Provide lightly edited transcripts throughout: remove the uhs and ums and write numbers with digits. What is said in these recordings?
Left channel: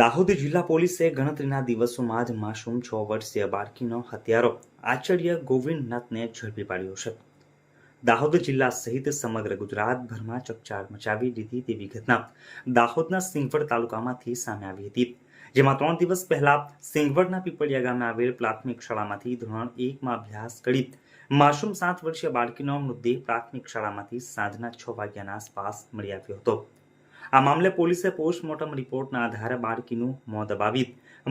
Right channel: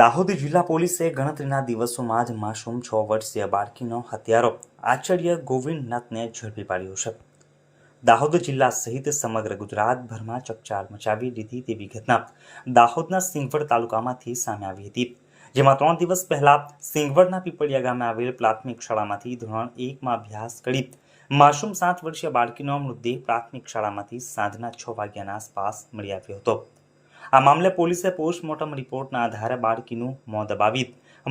દાહોદ જિલ્લા પોલીસે ગણતરીના દિવસોમાં જ માસૂમ 6 વર્ષીય બાળકીનો હત્યારો આચાર્ય ગોવિંદનાથને ઝડપી પાડ્યો છે। દાહોદ જિલ્લા સહિત સમગ્ર ગુજરાતભરમાં ચકચાર મચાવી દીધી તેવી ઘટના દાહોદના સિંગવડ તાલુકામાંથી સામે આવી હતી, જેમાં 3 દિવસ પહેલા સિંગવડના પીપળિયા ગામે આવેલ પ્રાથમિક શાળામાંથી ધોરણ 1માં અભ્યાસ કરી માસૂમ 7 વર્ષીય બાળકીનો મૃતદેહ પ્રાથમિક શાળામાંથી સાંજના 6 વાગ્યાના આસપાસ મળી આવ્યો હતો। આ મામલે પોલીસે પોસ્ટમોર્ટમ રિપોર્ટના આધારે બાળકીનું મોત દબાવી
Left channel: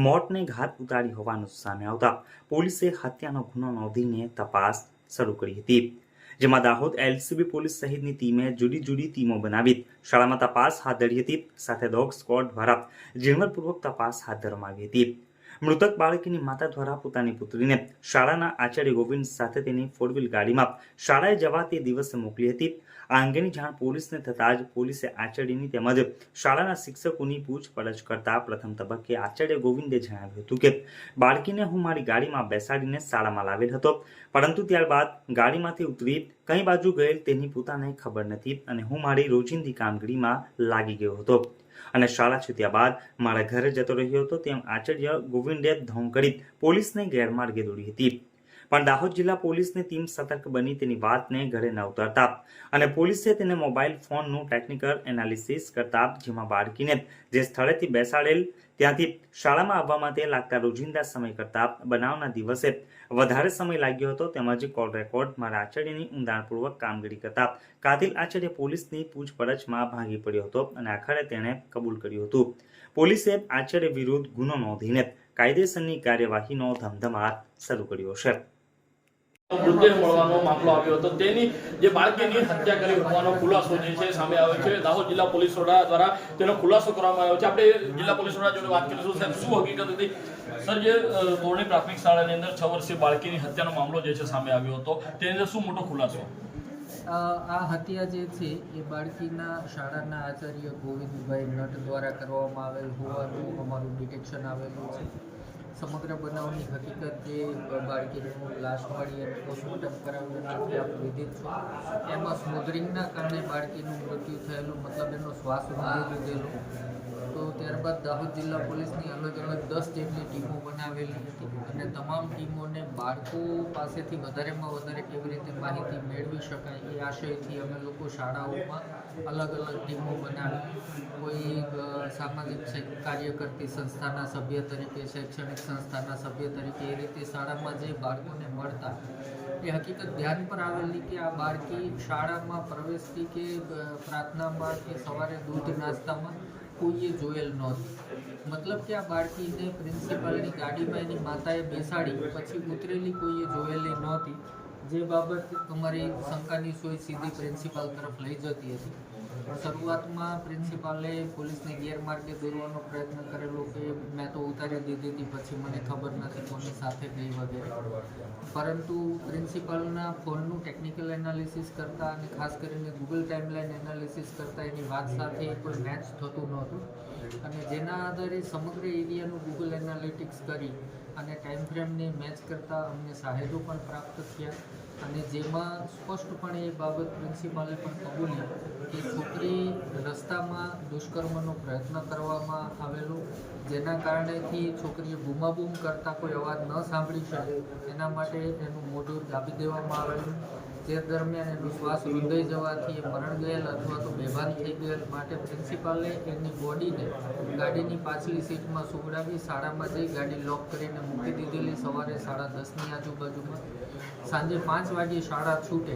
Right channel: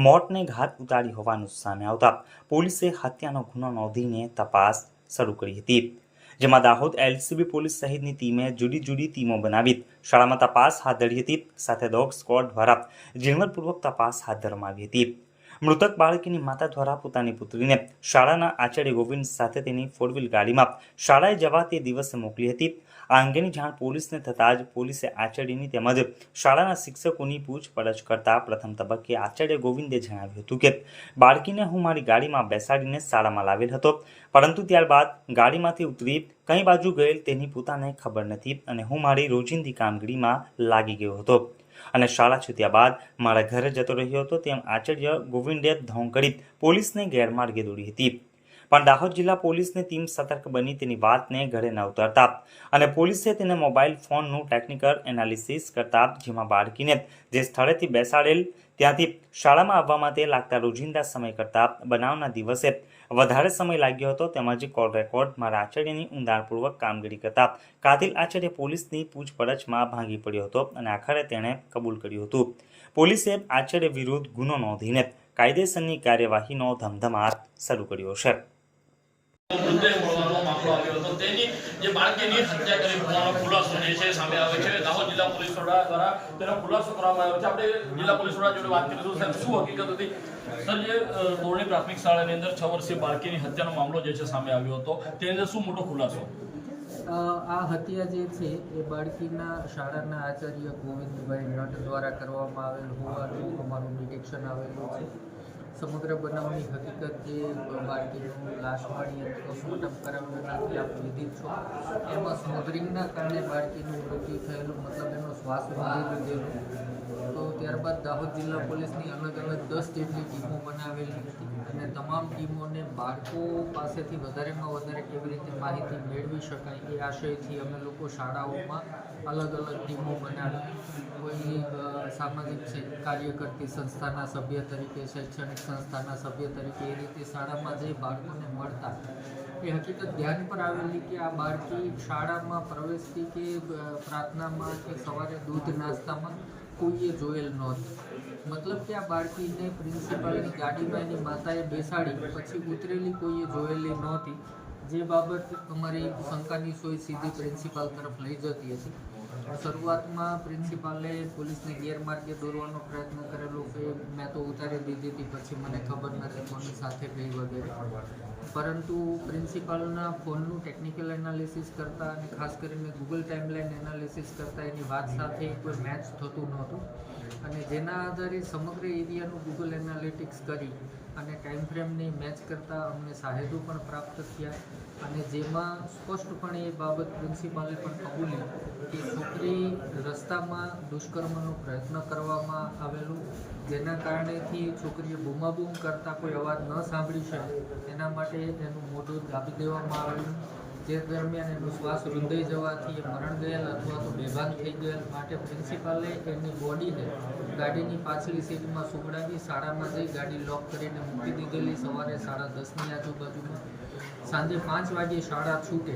મોતને ઘાત ઉતારી હોવાનું સામે આવતા પોલીસે હત્યાનો ગુનો નોંધીને તપાસ શરૂ કરી હતી, જેમાં દાહોદ એલસીબી પોલીસ સહિતની ટીમે જુદી ટીમો બનાવી શાળામાં તપાસ હાથ ધરી હતી। સાથે ડોગ સ્ક્વોડ દ્વારા ઝીણવટપૂર્વક તપાસ હાથ ધરવામાં આવી હતી। મૃતક બાળકીની માતા દ્વારા પોતાની પુત્રીને શાળાના આચાર્ય ગોવિંદ સાથે તેની 4 વ્હીલ ગાડીમાં શાળાએ જવા તે દિવસે મોકલી હતી। આ અંગેની જાણ પોલીસને થતાં જ પોલીસે આચાર્યની તેમજ શાળાના શિક્ષકોની પૂછપરછ કરતા પ્રથમ તબક્કે આચાર્ય ગોવિંદે જણાવ્યું હતું કે બાળકીને હું મારી ગાડીમાં બેસાડીને શાળામાં લાવેલ હતો, પરંતુ ત્યારબાદ ગાડીમાંથી ઉતરી કઈ બાજુ ગયેલ તેની પોતાને ખબર નથી અને હું મારી રોજિંદી કામગીરીમાં લાગી ગયો હતો અને શાળા છૂટ્યા બાદ મારા ઘરે જતો રહ્યો હતો, તેમ આચાર્ય ગોવિંદે ધોંગ કરી પોલીસને ગેરમાર્ગે દોરી હતી। પણ દાહોદ જિલ્લા પોલીસની ટીમ સતર્ક બની તેની વાતને ગળે ન ઉતારતા અને પોલીસે તેને મોબાઈલ ફોનનું ટેકનિકલ એનાલિસિસ કરતા, જેમાં બાળકીને જે સ્થળેથી બેસાડેલ ત્યાંથી શાળામાં આવવા માટે લાગતા રોજિંદા સમય કરતાં બનાવના દિવસે વધારે સમય લાગ્યો હતો, તેમજ કોલ રેકોર્ડ મારા આચાર્યની ઊંડાણપૂર્વક કામગીરી કરતા કાતિલ આચાર્ય પોલીસની પૂછપરછમાં ભાંગી પડ્યો હતો અને આખરે તેણે કબૂલ કર્યું હતું। પોલીસે આચાર્ય વિરુદ્ધ ગુનો નોંધીને કાયદેસરની કાર્યવાહીનો ધમધમાટ શરૂ કર્યો છે। મૃતદેહ મળવાનો મામલો આવ્યો હતો, તેની જે બાળકીની હત્યા કરી હોવાનો ખુલાસો જે છે સામે આવે છે। દાહોદ જિલ્લા પોલીસ વડા દ્વારા તેનો ખુલાસો કરવામાં આવ્યો છે। આપણે જિલ્લા પોલીસ વડા જોડે વાત કરીશું। સાહેબ, શું હકીકત હતી? સર, જે ધોરણી પ્રાથમિક શાળાની અંદર 6 વર્ષીય બાળકીની હત્યાનો મામલો જે છે સામે આવ્યો હતો, તેને શું મોટો ખુલાસો? આ હત્યા જે છે એ બાળકીના શાળાના આચાર્ય ગોવિંદભાઈ નટ દ્વારા કરવામાં આવેલ હોવાનું અમારું ડિટેક્શન આવેલું છે। સમગ્ર બનાવની હકીકત જે બાળકીનું લાશ મળી અને પોસ્ટમોર્ટમ કરાવ્યું નથી આપ વિદિત છો, એમાં સ્મોધરિંગના કારણે બાળકીનું મૃત્યુ થયેલું, મતલબ એનો શ્વાસ રૂંધી લીધેલો। તો ત્યારબાદ દાહોદ જિલ્લા પોલીસની અલગ 10 જેટલી ટીમો બનાવેલી હતી અને તમામ ટીમોને બાળકો પાસેથી વધારેમાં વધારે કેવી રીતે માહિતી મેળવી શકાય એ આશયથી અમે લોકો શાળાઓમાં અલગ ટીમો બનાવી, કોઈ સામાજિક કાર્ય કરતી સંસ્થાના સભ્ય તરીકે, શૈક્ષણિક સંસ્થાના સભ્ય તરીકે, એ રીતે શાળામાં જે બાળકોને મળતા એ હકીકત ધ્યાન પર આવેલી કે આ બાળકી શાળામાં પ્રવેશતી કે પ્રાર્થનામાં કે સવારે દૂધ નાસ્તામાં કોઈએ જોયેલ નહોતી। મતલબ કે આ બાળકીને પ્રિન્સિપાલની ગાડીમાં એની માતાએ બેસાડી પછી ઉતરેલી કોઈએ જોયેલી નહોતી, જે બાબત અમારી શંકાની સોય સીધી પ્રિન્સિપાલ તરફ લઈ જતી હતી। શરૂઆતમાં પ્રિન્સિપાલે પોલીસને ગેરમાર્ગે દોરવાનો પ્રયત્ન કરેલો કે મેં તો ઉતારી દીધી હતી, પછી મને ખબર નથી કોની સાથે ગઈ વગેરે, પરંતુ પ્રિન્સિપાલના ફોનનું ટેકનિકલ એનાલિસિસ કરતાં અને ખાસ કરીને ગૂગલ ટાઈમલાઈન એનાલિસિસ કરતાં એની વાત સાથે કોઈ મેચ થતું નહોતું અને જેના આધારે સમગ્ર એરિયાનું ગૂગલ એનાલિટિક્સ કરી અને ટાઈમ ફ્રેમને મેચ કરતાં અમને સાહેદો પણ પ્રાપ્ત થયા અને જેમાં સ્પષ્ટપણે એ બાબત પ્રિન્સિપાલે પણ કબૂલી કે છોકરી રસ્તામાં દુષ્કર્મનો પ્રયત્ન કરવામાં આવેલો, જેના કારણેથી છોકરીએ બૂમાબૂમ કરતાં કોઈ અવાજ ન સાંભળી શકે એના માટે એનું મોઢું દાબી દેવામાં આવેલું, જે દરમિયાન એનો શ્વાસ રૂંધાઈ જવાથી એ મરણ ગયેલ અથવા તો બેભાન થઈ ગયેલ, માટે પ્રિન્સિપાલે એની બોડીને ગાડીની પાછલી સીટમાં સુવડાવી શાળામાં જઈ ગાડી લોક કરીને મૂકી દીધેલી। સવારે 10:30ની આજુબાજુમાં સાંજે 5 વાગ્યે શાળા છૂટે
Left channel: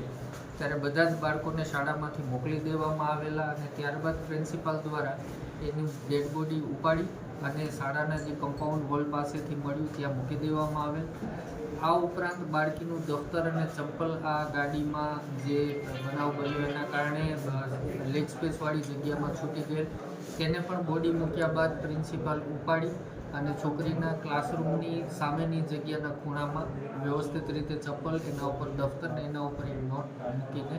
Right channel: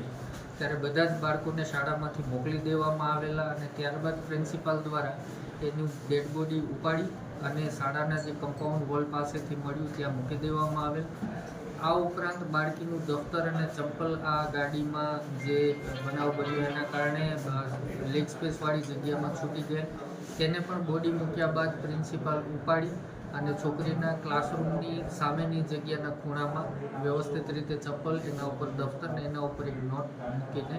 ત્યારે બધા જ બાળકોને શાળામાંથી મોકલી દેવામાં આવેલા અને ત્યારબાદ પ્રિન્સિપાલ દ્વારા એની ડેડ બોડી ઉપાડી અને શાળાના જે કમ્પાઉન્ડ વોલ પાસેથી મળ્યું ત્યાં મૂકી દેવામાં આવેલ। આ ઉપરાંત બાળકીનું દફતર અને ચંપલ આ ગાડીમાં જે બનાવ બન્યો એના કારણે લેગ સ્પેસવાળી જગ્યામાં છૂટી ગયેલ, તેને પણ બોડી મૂક્યા બાદ પ્રિન્સિપાલ ઉપાડી અને છોકરીના ક્લાસરૂમની સામેની જગ્યાના ખૂણામાં વ્યવસ્થિત રીતે ચપ્પલ, એના ઉપર દફતર ને એના ઉપર એક નોટ મૂકીને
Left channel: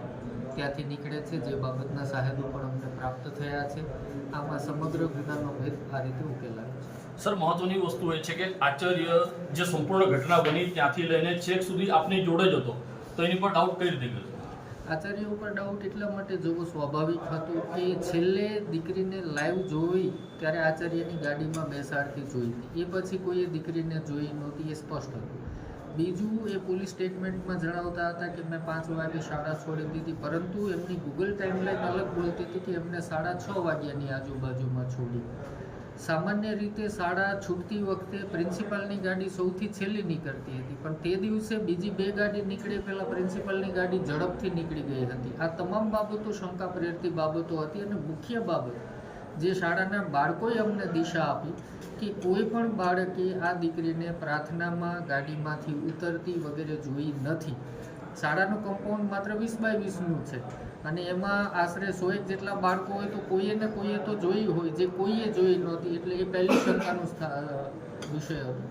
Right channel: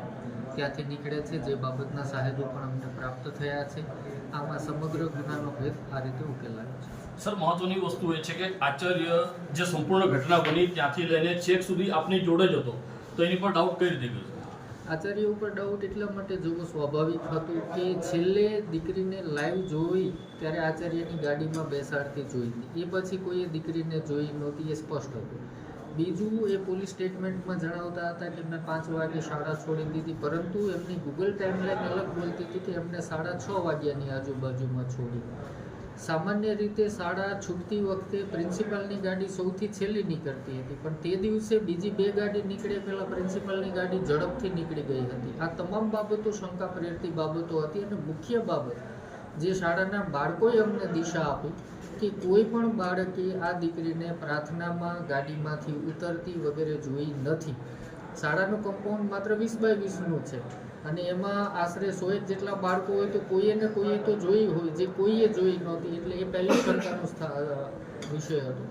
ત્યાંથી નીકળે છે, જે બાબતના સાહેદો પણ અમને પ્રાપ્ત થયા છે। આમાં સમગ્ર ગુનાનો ભેદ આ રીતે ઉકેલાયો છે। સર, મહત્વની વસ્તુ એ છે કે આચાર્ય જે સંપૂર્ણ ઘટના બની ત્યાંથી લઈને છેક સુધી આપની જોડે જ હતો, તો એની પર ડાઉટ કઈ રીતે ગયો? આચાર્ય ઉપર ડાઉટ એટલા માટે જોવો સ્વાભાવિક હતું કે છેલ્લે દીકરીને લાઈવ જોઈ ત્યારે આચાર્યની ગાડીમાં બેસાડતી જોઈ હતી, એ પછી કોઈએ દીકરીને જોઈ નહોતી, એ સ્પષ્ટ હતું. બીજું, એ પોલીસ સ્ટેટમેન્ટમાં જણાવતા હતા કે મેં 5 વાગે શાળા છોડી દીધી, પરંતુ એમની ગૂગલ ટાઈમલાઈન અલગ બોલતી હતી કે એમને 6:30 વાગ્યાની આજુબાજુમાં છોડી. સામાન્ય રીતે શાળા છૂટતી વખતે પ્રિન્સિપાલની ગાડી સૌથી છેલ્લી નીકળતી હતી, પણ તે દિવસે બીજી 2 ગાડી નીકળે પહેલાં પ્રિન્સિપાલની ગાડી ઝડપથી નીકળી ગઈ હતી. આ તમામ બાબતો શંકા પ્રેરતી બાબતો હતી. અને મુખ્ય બાબત જે શાળાના બાળકોએ અમને દિશા આપી કે કોઈ પણ બાળકે આ દીકરીને પ્રાર્થનામાં ગાડીમાંથી ઉતરતી વગેરે જોઈ નથી. શાળાનું કમ્પાઉન્ડ માત્ર 20x20નું છે અને એમાં આશરે 100 જેટલા બાળકો હોય તો કોઈએ ને કોઈએ તો જોઈ હોય, જે કોઈએ જોઈ નહોતી, એટલે એ પહેલી શંકાનું વિષય હતો.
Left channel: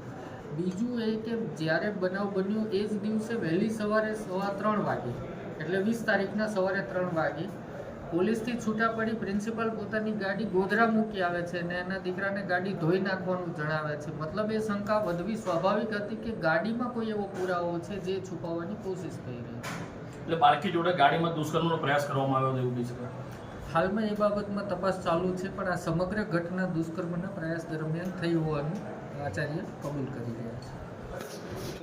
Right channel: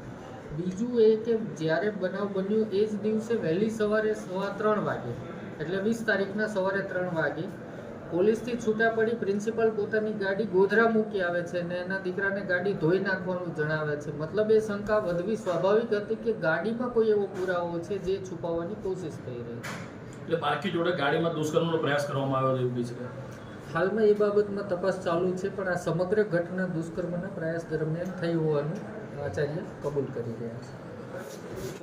બીજું એ કે જ્યારે બનાવ બન્યો એ જ દિવસે વહેલી સવારે 3:15 વાગે, એટલે 20 તારીખના સવારે 3 વાગે પોલીસથી છૂટા પડી પ્રિન્સિપાલ પોતાની ગાડી ગોધરા મૂકી આવે છે અને એના દીકરાને ગાડી ધોઈ નાખવાનું જણાવે છે. મતલબ એ શંકા વધવી સ્વાભાવિક હતી કે ગાડીમાં કોઈ એવો પુરાવો છે જે છુપાવવાની કોશિશ થઈ રહી છે. એટલે બાળકી જોડે ગાડીમાં દુષ્કર્મનો પ્રયાસ કરવામાં આવ્યો એવું બી છે. હાલમાં એ બાબતમાં તપાસ ચાલુ છે, પણ આ સમગ્ર ઘટના દુષ્કર્મના પ્રયાસ દરમિયાન થઈ હોવાનું આચાર્ય કબૂલ કરી રહ્યા છે.